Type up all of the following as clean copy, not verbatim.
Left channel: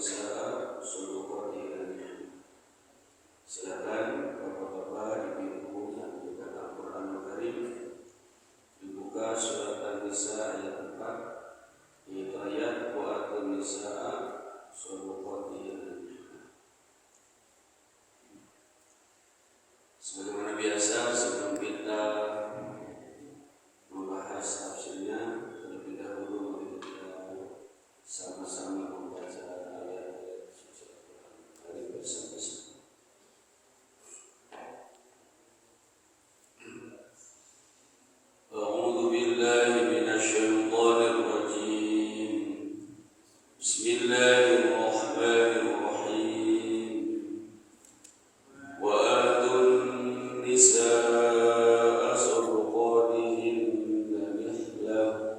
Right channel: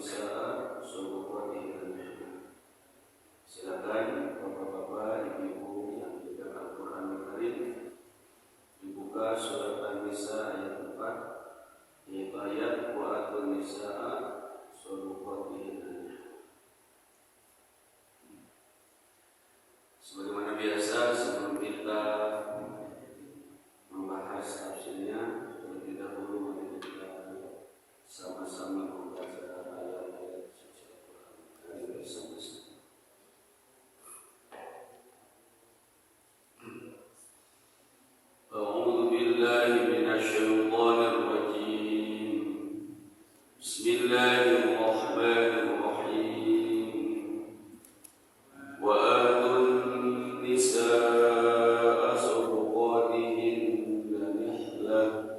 nisaa shadaqatihinna. Silakan bapak-bapak, ibu-ibu yang dibuka Al-Quran Karim, dibuka surat An-Nisa ayat 4, yaitu ayat wa atun nisaa shadaqatihinna. Sebagaimana biasa, sebelum kita membahas tafsirnya, terlebih dahulu mari kita sama-sama membaca ayat-ayat suci Al-Quran. Mari bersama-sama. A'udzu billahi minasyaitonir rajim. Bismillahirrahmanirrahim. Wa atun nisaa shadaqatihinna nihlah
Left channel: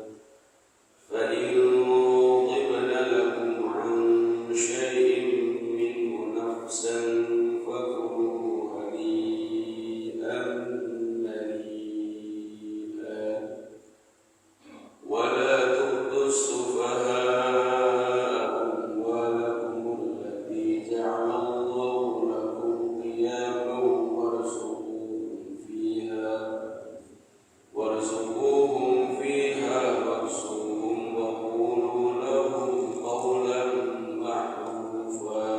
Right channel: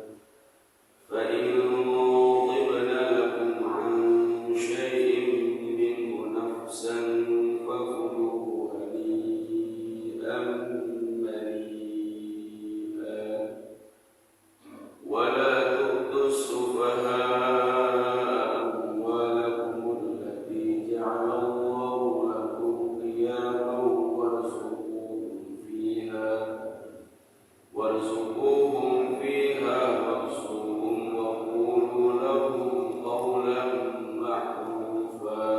fa in tibna lakum an syai'in minhu nafsan fakuluhu hani'an mari'an wa la tu'tus sufaha'a amwalakum allati ja'ala Allahu lakum qiyaman warzuquhum fiha waqsuhum wa qulu lahum qawlan ma'rufa.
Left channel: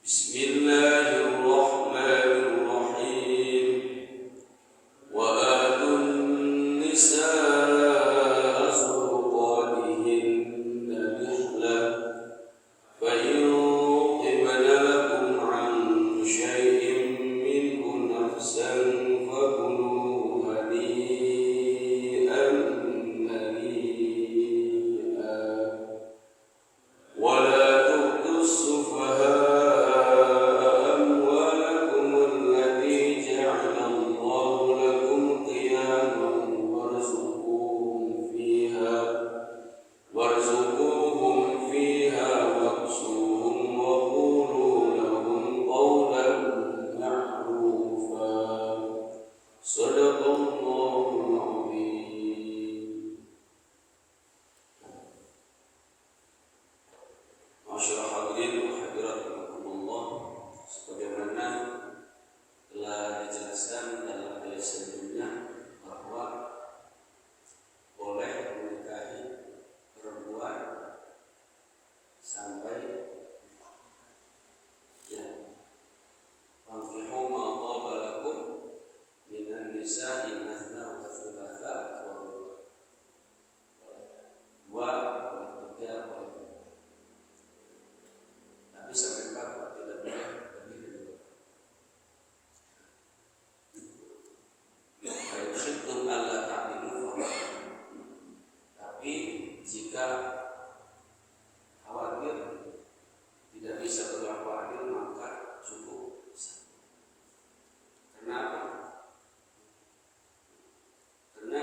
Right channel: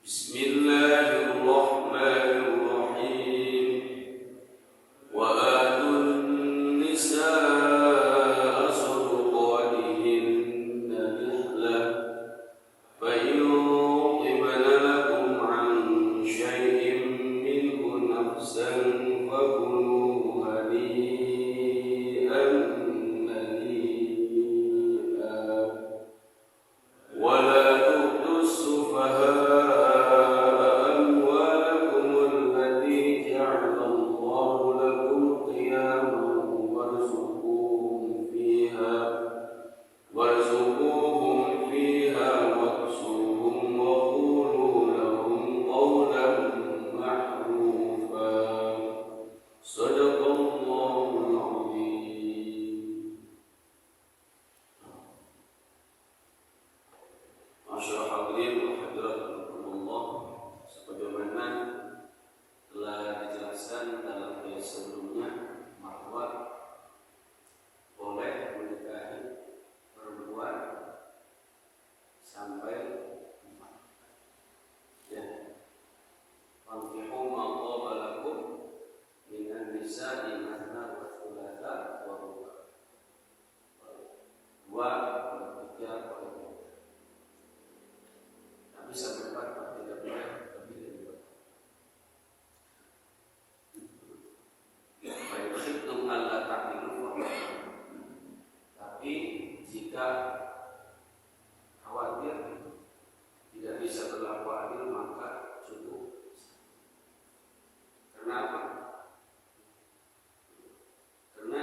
Bismillahirrahmanirrahim. Wa atun nisaa shadaqatihinna nihlah fa in tibna lakum an syai'in minhu nafsan fakuluhu hani'an mari'an wa la tu'tus sufaha'a amwalakum allati ja'ala Allahu lakum qiyaman warzuquhum fiha waqsuhum wa qulu lahum qawlan ma'rufa. Shadaqallahul azim. Masyaallah hadirin wa hadirat rahimakumullah, sebagaimana telah dijelaskan dalam ayat sebelumnya bahwa boleh menikahi perempuan sampai 4. Ya. Fankihu ma thaba lakum minan nisa'i mathna wa thulatha wa ruba'. 2, 3, 4. Tapi sampai 4 tidak boleh lebih dari 2. Fa in khiftum alla ta'dilu fawahid. Tapi jika khawatir tidak bisa berlaku adil maka cukup. Kenapa? Karena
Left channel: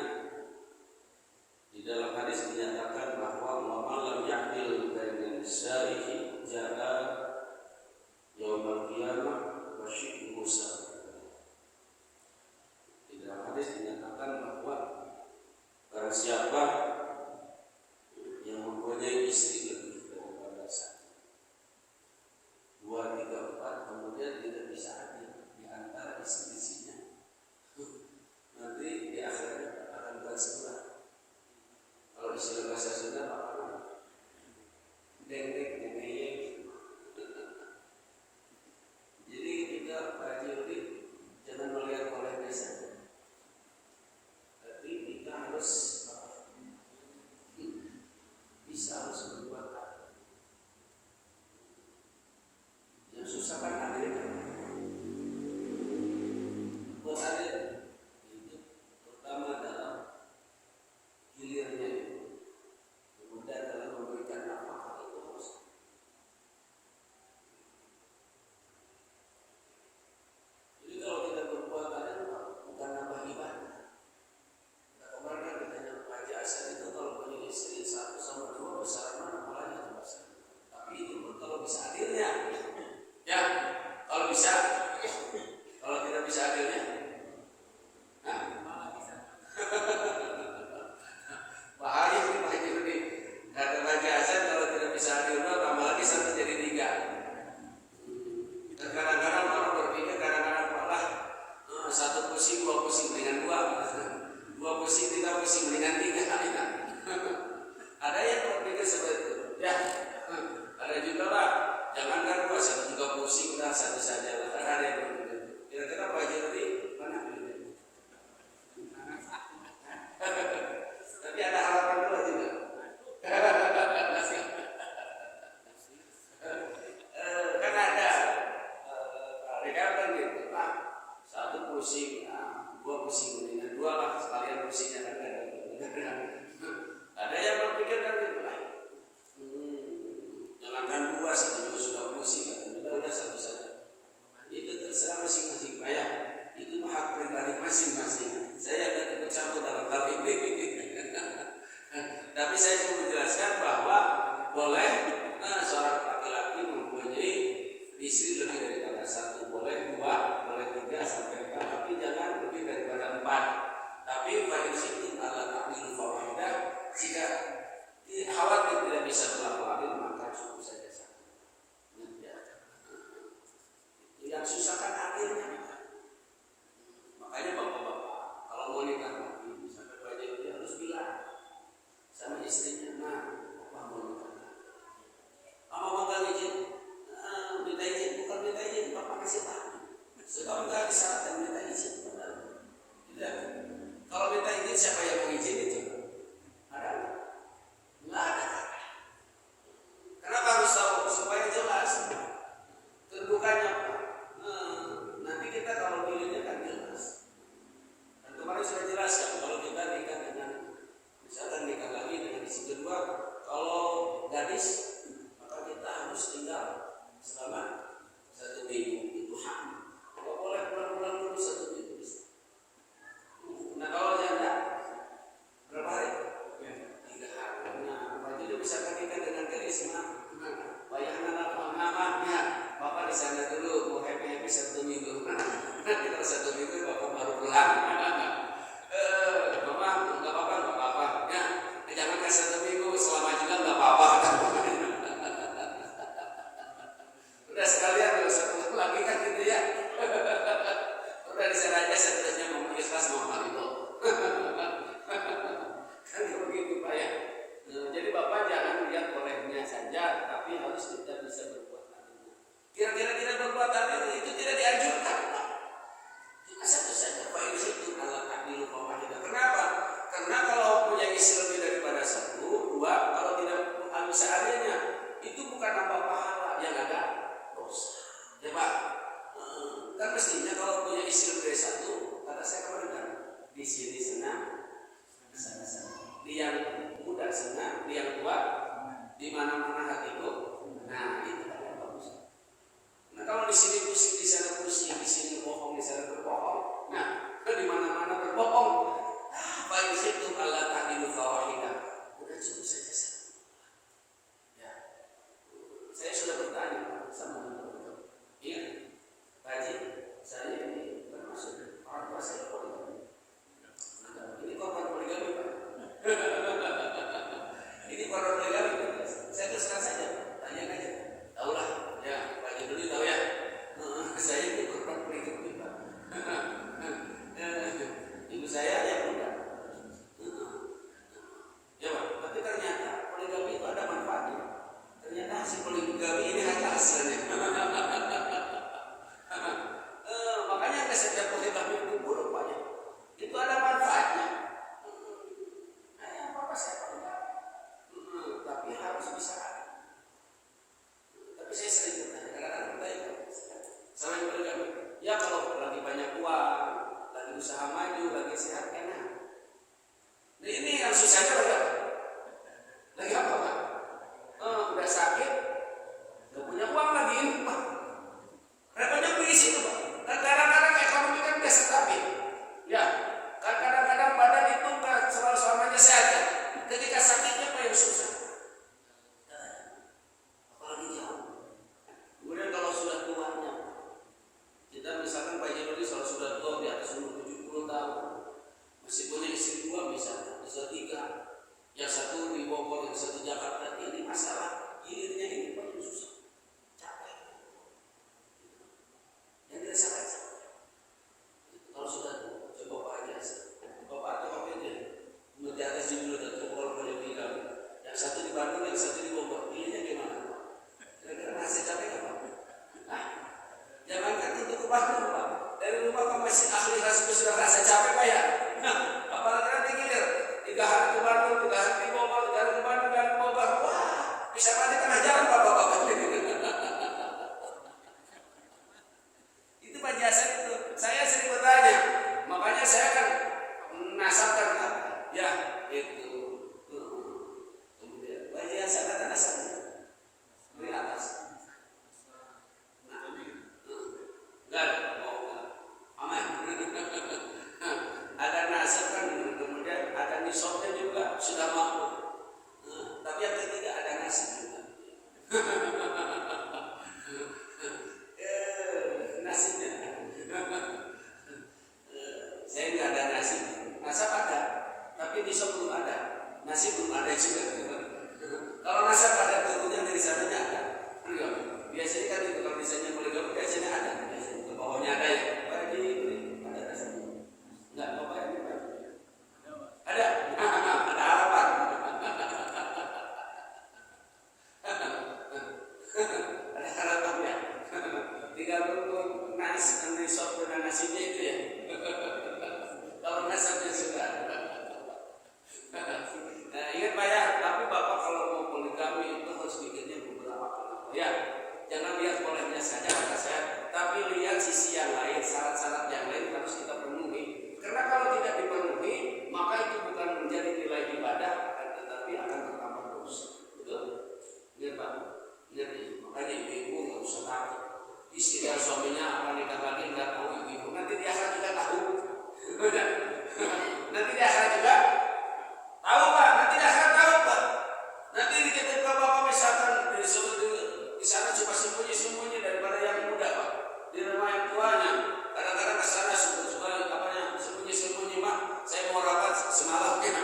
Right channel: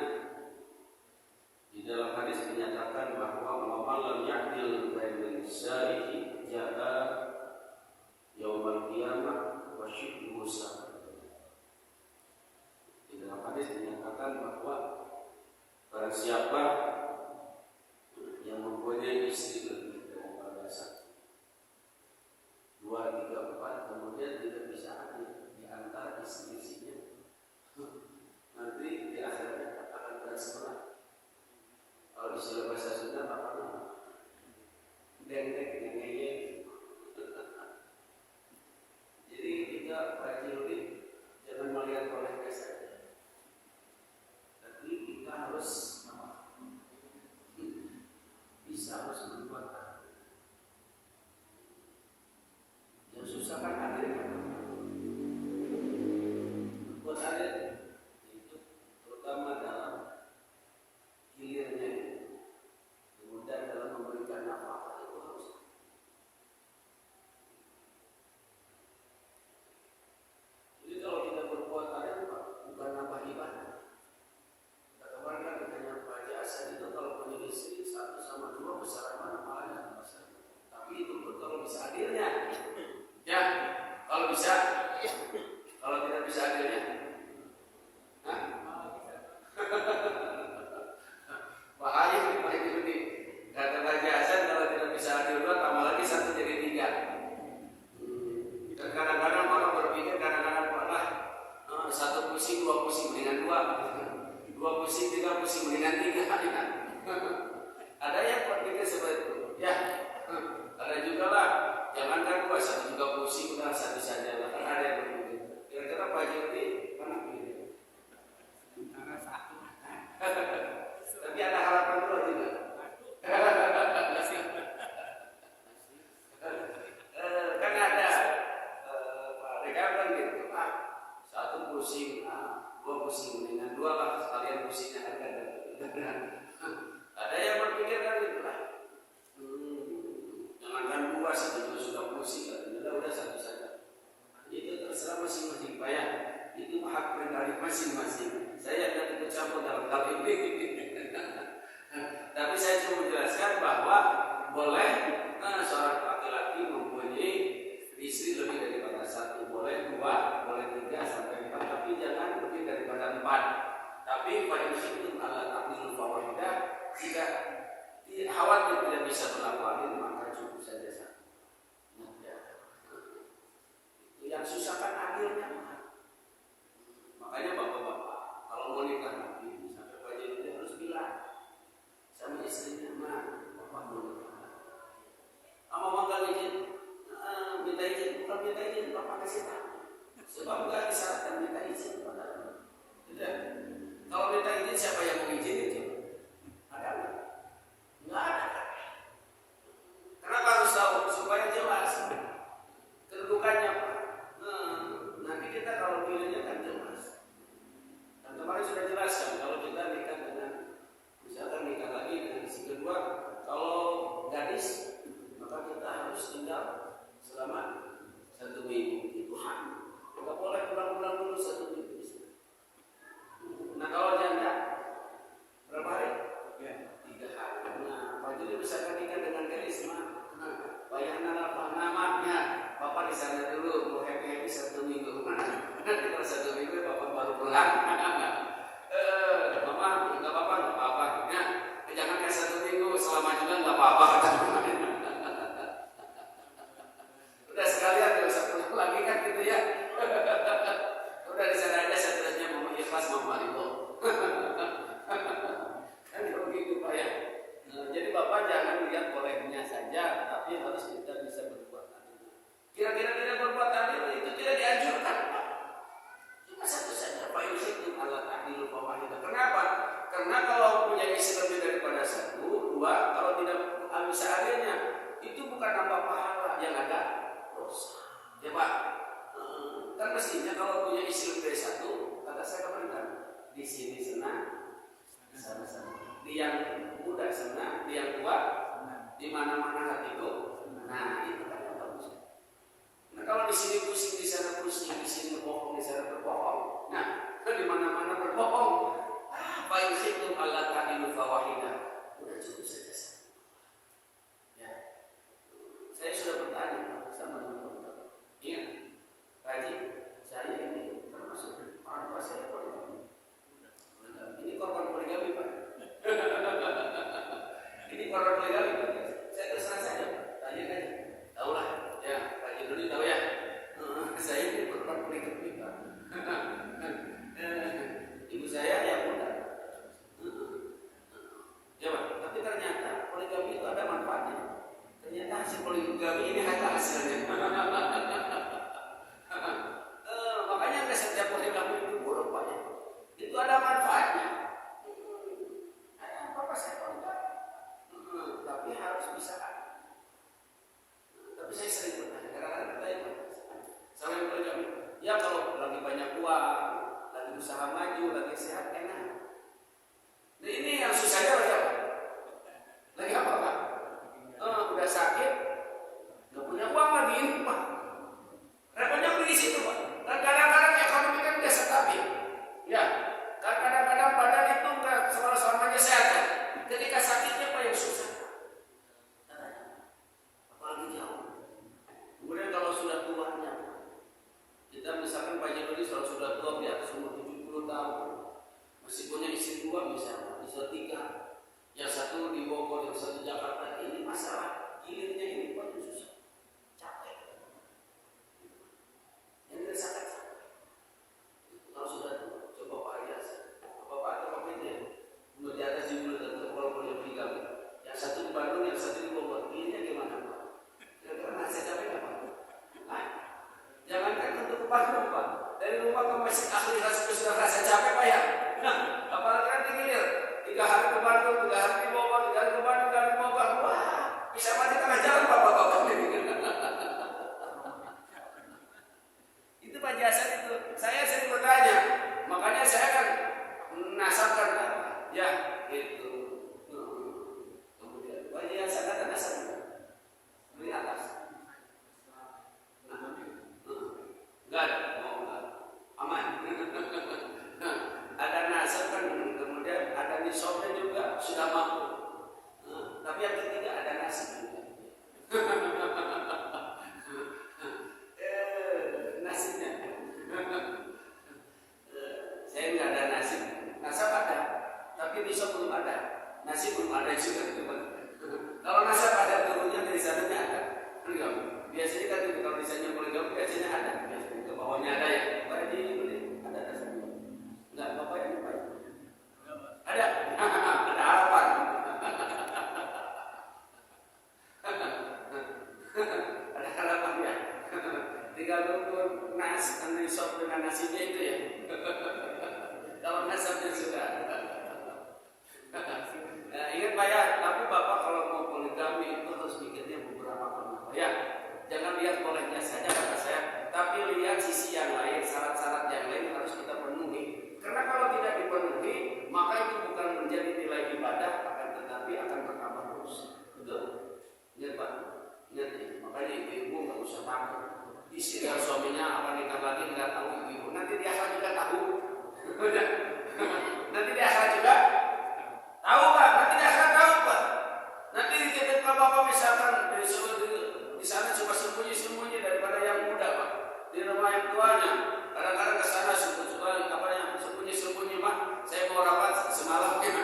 di dalam hadis dinyatakan bahwa man lam ya'dil bainan nisa'ihi ja'a yaumal qiyamah wa shiqquhu sa'id. Di dalam hadis dinyatakan bahwa barang siapa yang mempunyai istri lebih daripada 1, 2, 3, 4, kemudian tidak bisa adil di antara istri-istrinya, nanti di akhirnya akan berat. Kalau istilah bahasa Sunda apa? Dengdek, dengeye. Jadi ketika Pak Juli jangan melihat olehnya saja, tapi kita harus harus berbuat adil. Yang susah kan adil kan? Berbuat adil itu terutama dalam hilirnya itu, kemudian dalam memberikan nafkah itu harus. Jadi kalau tidak berbuat adil bukan nambah ibadah. Kemarin kan ditanya Pak Haji Hasan itu kalau punya istri 1 sama 2 besaran mana pahalanya? Tapi itu kalau bisa adilnya, ya boleh seorang laki-laki mempunyai istri lebih daripada satu, boleh dua, boleh tiga sampai empat, tapi jangan lebih daripada empat. Tapi fayusikum ala taqdiru fawahidah, jika khawatir tidak bisa melakukan maka cukup saja satu. Ya. Yang susah kan akhirnya. Makanya bapak-bapak kalau mau nikah lagi sampai Pak Jadi harus bilang sama istrinya, "Ma, bapak mau nikah lagi." Apa magang izin? Minta izin, bukan minta izin, bapak kasih tahu. Sebab nggak disyaratkan minta izin padahal. Tidak. Kalau minta izin siapa yang mau izin itu? Ada nggak? Nggak ada. Kenapa harus tahu? Supaya jelas kedudukannya apa. Nanti kita kalau pilihnya kan jelas. Dan kemarin sudah jelaskan kalau kita nikah dengan, misalkan nikah lagi dengan istri kedua, kalau gadis maka kita harus tinggal selama 1 minggu. Itu hak. Nggak boleh pulang-pulang dulu 1 minggu. Nah kalau janda berapa hari? 3 hari. Nah Pak Jadi bisa nikah dengan gadis mah. Bayangkan apa namanya? Bapak di sana dulu mau happy 1 minggu. Nanti kalau 1 minggu bapak baru pulang. Mama nggak apa-apa. Ya, jangan kasih 1 minggu, selama juga nggak apa-apa. Udah sekalian kalau satu lagi kan gitu ya. Udah di sana aja stresnya mama ikhlas mama itu. Kan begitu Pak ya. Jadi bapak jangan lihat bolehnya saja, tapi harus kita bisa berbuat adil. Kira-kira berbuat adil itu tidak dianjurkan. Cuma satu saja, Pak Yusuf Allah adil fawahidah. Kenapa? Karena kalau punya istri lebih daripada 1, 2, kalau tidak bisa adilnya, itu bukan nambah pahala, yang ada dosa. Ya Pak. Kan mestinya kalau punya istri lebih dari 1, kata saya kemarin kan, di sini senang, di sana senang. Di yang muda senang, di yang tua, di mana-mana hatiku. Nah itu kan yang bagus. Nah kalau di sini pusing, di sana pusing, di sini bohong, di sana berbohong. Nah di mana-mana berbohong. Apa yang itu Allah tadilu fawahidah. Udah cukup saja. Ya, saya sudah bertanya sama teman-teman. Ingat, Haji, saya ini termasuk orang tua saya poligami. Ini korban poligami Pak. Ini korban poligami Pak. Saya terus terang saja Pak. Tanya aja. Tahulah. Ya, Pak Juduli tahu ya. Saya ini korban poligami Pak. Ibu saya yang muda. Ya Pak. Tapi ternyata poligami itu ada manfaatnya. Ternyata hasil poligami ini ada hasilnya. Makanya nggak setiap poligami itu buruk Pak ya. Itu ada manfaatnya. Apa saya poligami? Tapi harus bisa ada. Tapi saya sering bertanya, kadang-kadang bertanya sama yang poligami. Ya kalau lagi banyak uang, lagi usaha maju, lagi sehat enak. Nah ini yang susahnya lagi apa? Lagi apa Pak? Udah sakit, nggak punya uang lagi ini Pak. Repotnya di situ Pak. Dan kadang-kadang ekonomi kan udah stabil. Ya, kadang-kadang badan itu nggak selamanya sehat kan. Ketika sakitnya Pak yang susah. Apalagi jauh. Kemudian kalau sudah tuanya, kita misalkan Pak Jendoli kalau sudah tua di atas umur 70 tahun, masih punya istri 2 misalnya, istri 3, yang satu di Bogor, yang satu di Jakarta. Ini masalah hilirnya ini Pak yang susah. Yang dirasakan capek. Kalau sudah coba Pak aja, Bapak atau Bapak aja, di atas 70 tahun, kalau punya 3, yang satu di Bandung, yang satu di Bogor, pilihnya gimana Pak? Kira-kira masih capek nggak Pak? Jangankan untuk ke Bandung Pak, dari rumah ke masjid akhir rasanya sudah rasa capek Pak ya. Apalagi nanti gilir 3 hari ke Bandung, 3 hari di Bogor, 3 hari ke Bandung, 3 hari ke Bogor, wah bisa mati tengah jalan Bapak-bapak. Itu Pak Jasan itu, saya sering bertanya, makanya saya kan nasabkan kan, ya itu. Kemudian Pak Jasan kata nasabkan dari atas. Enggak ada, aman. digabungkan nasi sop dengan nasinya itu ya. Kalau nasabnya sudah. Nah, ingat Pak ya, tapi Bapak kalau mau poligami itu harus mikirnya beberapa kali Pak ya. Jangan lihat bolehnya saja kata saya, tapi lihat sisi yang lain, syarat-syarat yang lain harus kita penuhi. Karena kalau tidak dipenuhi, maka itu bukan menjadi nilai ibadah, akan tetapi akan bertambah dosa. Betul? Ingat Pak, ingat ya. Makanya ibu-ibu nggak usah takut. Istri dan suaminya apa nikah lagi nggak tahu ibu-ibu. Nanti di akhirat juga tahu. Nanti di akhirat juga tahu Pak. Nanti di akhirat tahu Pak. Nanti ketika Bapak misalkan di sana cuma sembunyi-sembunyi daripada yang muda Pak. Di rumah yang tuanya. Kadang-kadang ke sana sembunyi-sembunyi Pak. Saya mau rapat semalam ya.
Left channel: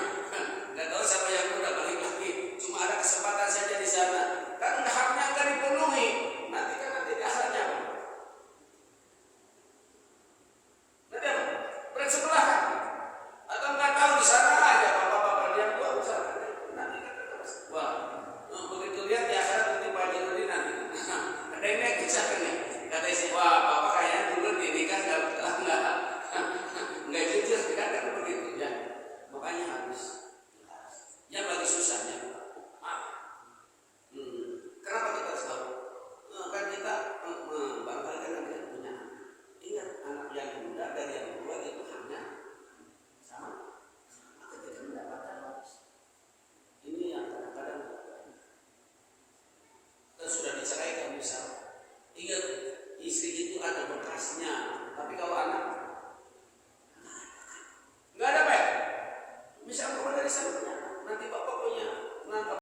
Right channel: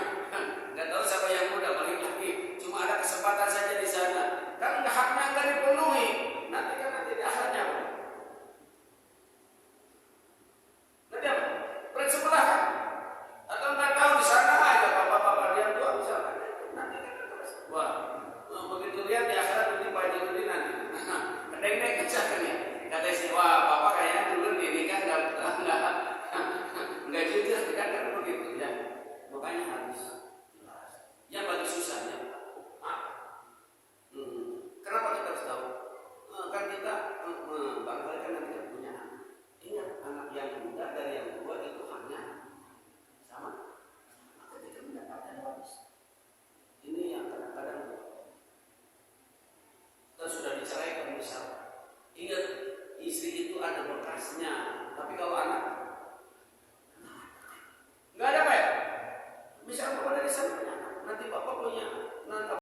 Nggak tahu siapa yang muda balik lagi. Cuma ada kesempatan saja di sana. Kan haknya nggak dipenuhi. Nanti di akhiratnya Pak. Nanti apa? Bersebelah kan? Atau nggak tahu di sana aja bapak-bapak lihat tua misalkan. Nanti wah, begitu lihat di akhirat nanti Pak Jurudi nanti. Kedeng-deng misalkan ya. Kata istri, wah bapak kayaknya dulu ini kan nggak jujur kan begitu ya. Makanya harus jelas. Yang bagi susahnya kenapa kita harus tahu? Kan kita bangga kan kita punya anak. Ingat anak yang muda dari yang